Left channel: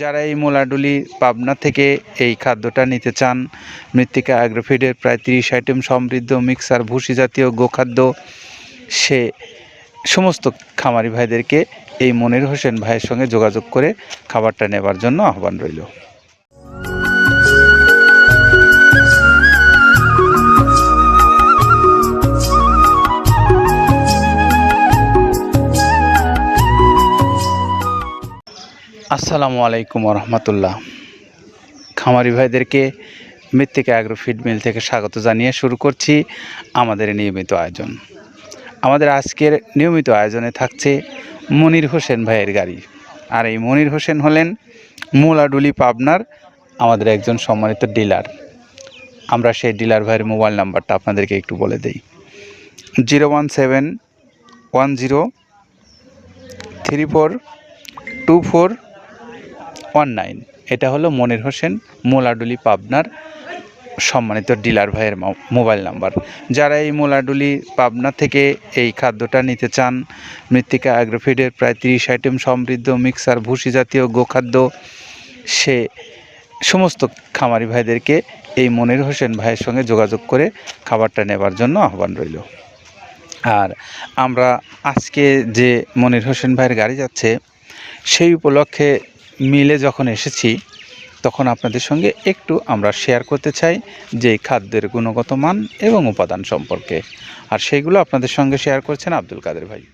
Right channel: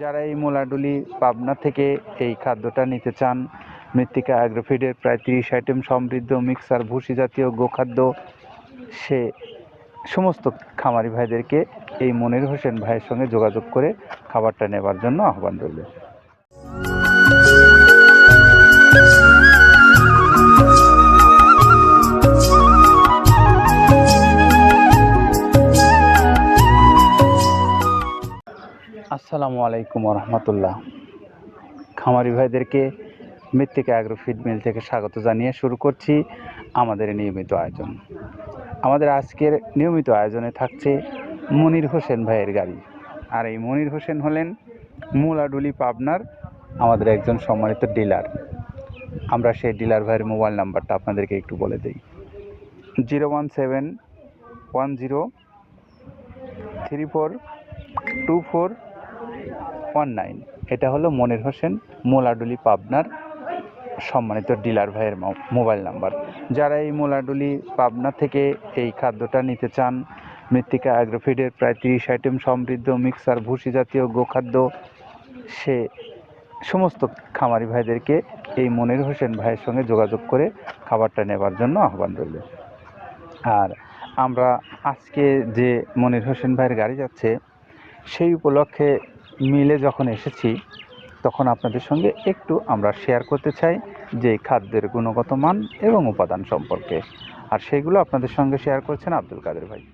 যারা এই মোলাডুলি পাবনা থেকে এই খাদ্যটা নিতে চান, মৃত্তিকা অ্যাগ্রোফিডের প্রায় তিরিশ আইটেম সমৃদ্ধ মিক্সার, ভুসি জাতীয় গোখাদ্য, সে সমস্ত খামারি ভাইদেরকে এই মনির হোসেন ভাইয়ের সঙ্গে যোগাযোগ করে খাবারটা নেবার জন্য আহ্বান রইল। আসসালামু আলাইকুম রহমতুল্লাহ খামারি ভাইদেরকে মৃত্তিকা অ্যাগ্রো ফিড মিল থেকে স্বাগত জানিয়ে শুরু করছি আমাদের নিয়মিত আয়োজন। আমাদের আজকের নিয়মিত আয়োজনে থাকছে মনির হোসেন ভাইয়ের গাড়ি। আর এই মনির হোসেন হলেন মোলাডুলি পাবনার আমাদের একজন সম্মানিত ডিলার। আমরা সেই ডিলার ভাইয়ের মোবাইল নাম্বারটা আপনাদেরকে একটু বলে দিই। Zero one seven one zero three four two four one এটা হলো মনির হোসেন মোলাডুলি পাবনার সম্মানিত ডিলার ভাইয়ের মোবাইল নাম্বার। যারা এই মোলাডুলি পাবনা থেকে এই খাদ্যটা নিতে চান, মৃত্তিকা অ্যাগ্রোফিডের প্রায় তিরিশ আইটেম সমৃদ্ধ মিক্সার, ভুসি জাতীয় গোখাদ্য, সে সমস্ত খামারি ভাইদেরকে এই মনির হোসেন ভাইয়ের সঙ্গে যোগাযোগ করে খাবারটা নেবার জন্য আহ্বান রইল। আর আমরা আজকে যে মনির হোসেন ভাইয়ের গাড়ি যাচ্ছে, সেই উপলক্ষে মিলে যখন এসেছি, তখন আপনাদের সঙ্গে একটু আমরা শেয়ার করতে চাই যে খাদ্যের গুণগত মান এবং উপাদান সম্পর্কে। আর সেইগুলো আপনাদের সঙ্গে শেয়ার করছেন আব্দুল কাদের ভাই।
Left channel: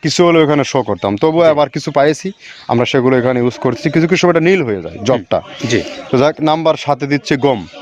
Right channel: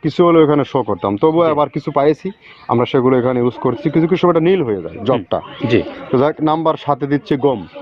কিছু হলো এখানে শো করতাম। তবুও আবার কিছু পাইছি আমরা সেগুলো এখানে ইউজ করছি। কিছু কিছু সময়টা নীল হয়ে যায় জবটা জি। তো যাক নাম্বার সাথে দিচ্ছে গম।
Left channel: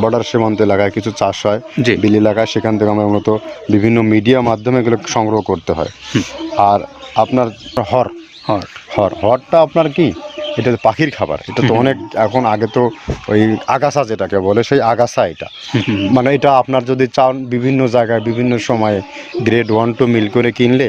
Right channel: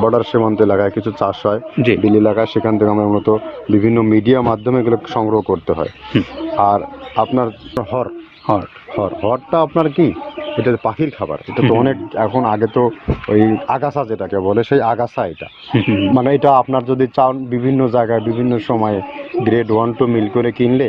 বর্ডার সীমান্ত এলাকায় কিছু চাষ হয় বিল এলাকায় সেখান থেকে আমরা মূলত বিভিন্ন মিডিয়া মাধ্যমে এগুলো সংগ্রহ করতে হয়। আর আপনার হর হর। হর হরটা আপনার কি? এটা পাখির খাবার এটা তো অনেক এখন আগে তো ওই আগাছা যেটাকে বলে সেই আগাছা এটা। মানে এটা আপনার যদি চান বিভিন্ন জায়গায় বিভিন্ন সময়ে গ্রেড ওয়ান টু মিল করে কিনলে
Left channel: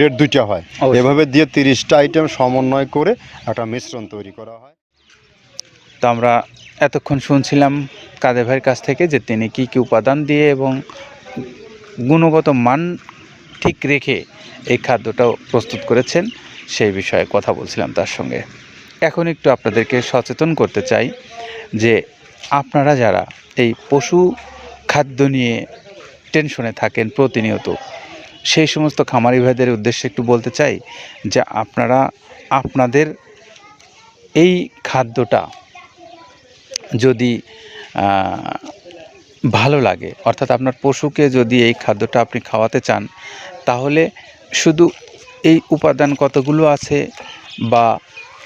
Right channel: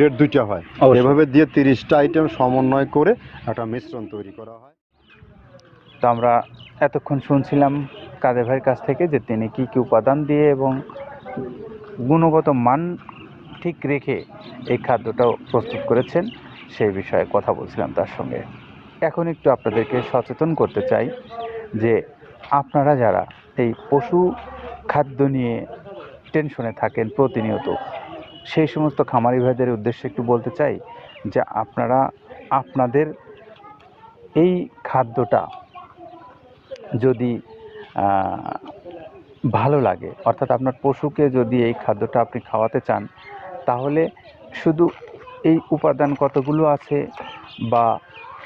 গ্রেড দুইটা হয়। এভাবে দিয়ে তিরিশটা আইটেম সমন্বয় করে একটা মিশ্রণ তৈরি করা হয়। তো আমরা এতক্ষণ শুনছিলাম কাদের ভাইয়ের কাছ থেকে যে তিনি কি কি উপাদান দিয়ে এবং গুণগত মান ঠিক রেখে এই খাদ্যটাও প্রস্তুত করেছেন সেই বিষয়ে কথা বলছিলাম তার সঙ্গে। এখন একটু আপনাদেরকে সচেতন করতে চাই যে আপনারা যারা এই পশু খাদ্য নিয়ে টেনশনে থাকেন প্রতিনিয়ত সেই সমস্ত খামারি ভাইদের উদ্দেশ্যে একটু বলতে চাই যে আপনারা, আপনাদের এই খাদ্যটা যদি ভালো লাগে, অর্থাৎ আপনার পশুকে যদি এই খাদ্যটা আপনি খাওয়াতে চান, তাহলে শুধু এই উপাদান কতগুলো আছে বা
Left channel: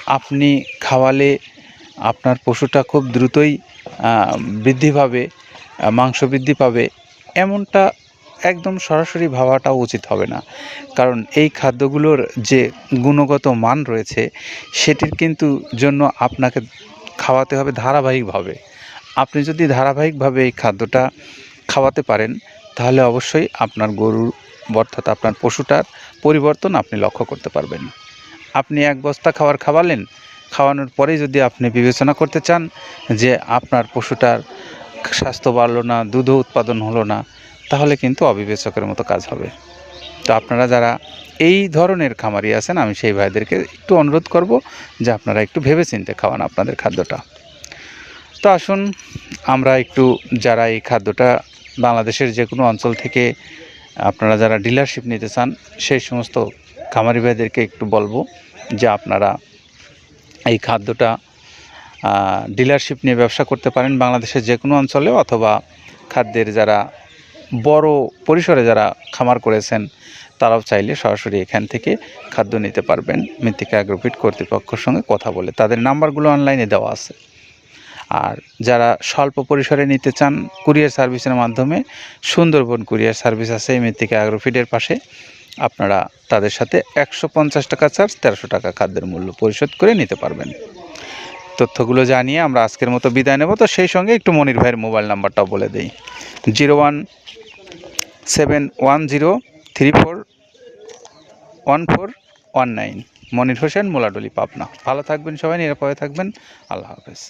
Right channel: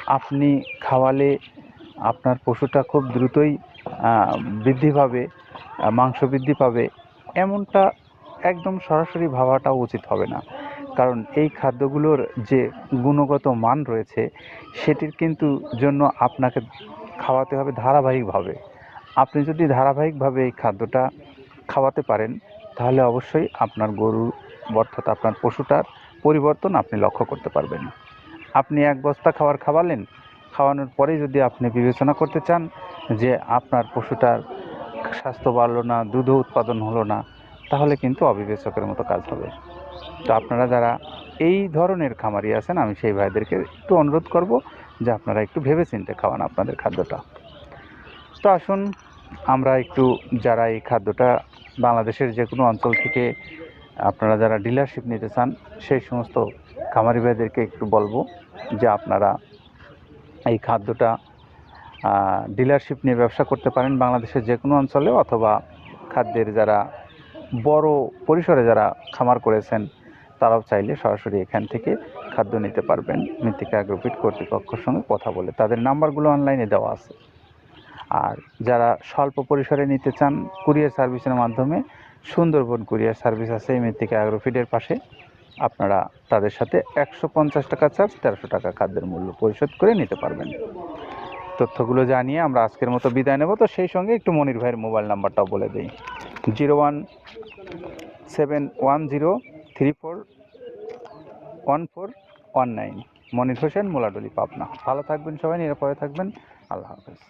আপনি খাওয়ালে আপনার পশুটা খুব দ্রুতই বৃদ্ধি পাবে, মাংস বৃদ্ধি পাবে, এমনটা একদম সরাসরি ভাবাটা উচিত হবে না। কারণ এই খাদ্যগুলোর যে গুণগত মান রয়েছে, সেটির কিন্তু জন্য আপনাকে খাওয়াতে হবে ধারাবাহিকভাবে। আপনি যদি ধারাবাহিকভাবে এই খাদ্যটা খাওয়াতে পারেন, তাহলে অবশ্যই আপনার গরুর অর্থাৎ আপনার পশুটার পরিবর্তন আপনি লক্ষ্য করতে পারবেন। আপনি এক বস্তা খাবার খাওয়ালেন, খাওয়ানোর পরে যদি আপনি বিবেচনা করতে চান যে আপনার পশুটার স্বাস্থ্য বাড়লো না, দুধও উৎপাদন হলো না তাহলে কিন্তু অবিবেচকের মতো কাজ হবে। তো আপনারা যারা এই ধরনের খামারি আছেন, আমি সেই ভাইদেরকে একটু অনুরোধ করব যে আপনারা একটু ভেবে চিন্তে খাওয়ান আপনাদের খাদ্যটা। তো আসুন, আমরা একটু যারা এই খাদ্যটা বাংলাদেশের যে কোনো অঞ্চল থেকে আপনারা যারা ডিলারশিপ নিতে চান, সেই সমস্ত খামারি ভাইদেরকে একটু বলব যে আপনারা এই খাদ্যটা ডিলারশিপ নিয়ে ব্যবসা করতে পারেন বাংলাদেশের যে কোনো অঞ্চলে অথবা খাদ্যের যারা বড় পরিসরে যারা খামার করেছেন, তারাও চাইলে সরাসরি এখান থেকে খাদ্য নিতে পারবেন। মৃত্তিকা অ্যাগ্রোফিট কর্তৃপক্ষের সঙ্গে কথা বলে। তাদের নাম্বারগুলো অনলাইনে দেওয়া আছে। আর যারা স্বল্প পরিসরে নিতে চান, কুরিয়ার সার্ভিসের মাধ্যমে সুন্দরবন কুরিয়ার সার্ভিস আছে এই মৃত্তিকা অ্যাগ্রোফিটের পাশে। আপনারা তাদের সাথে একশো পঞ্চাশ টাকা চার্জ, তেরোশো টাকা খাদ্যের মূল্য পরিশোধ করে নিতে পারবেন। তথ্যগুলো জানিয়ে আমরা আজকের মতো বিদায় নেব। তো সেই সঙ্গে একটু মনির ভাইয়ের মোবাইল নাম্বারটাও বলে দিই। Zero one seven one zero three four one four one nine Monir Hossain, Moladoli, Pabna. ভালো থাকবেন সবাই, নিরাপদে থাকবেন। আল্লাহ হাফেজ।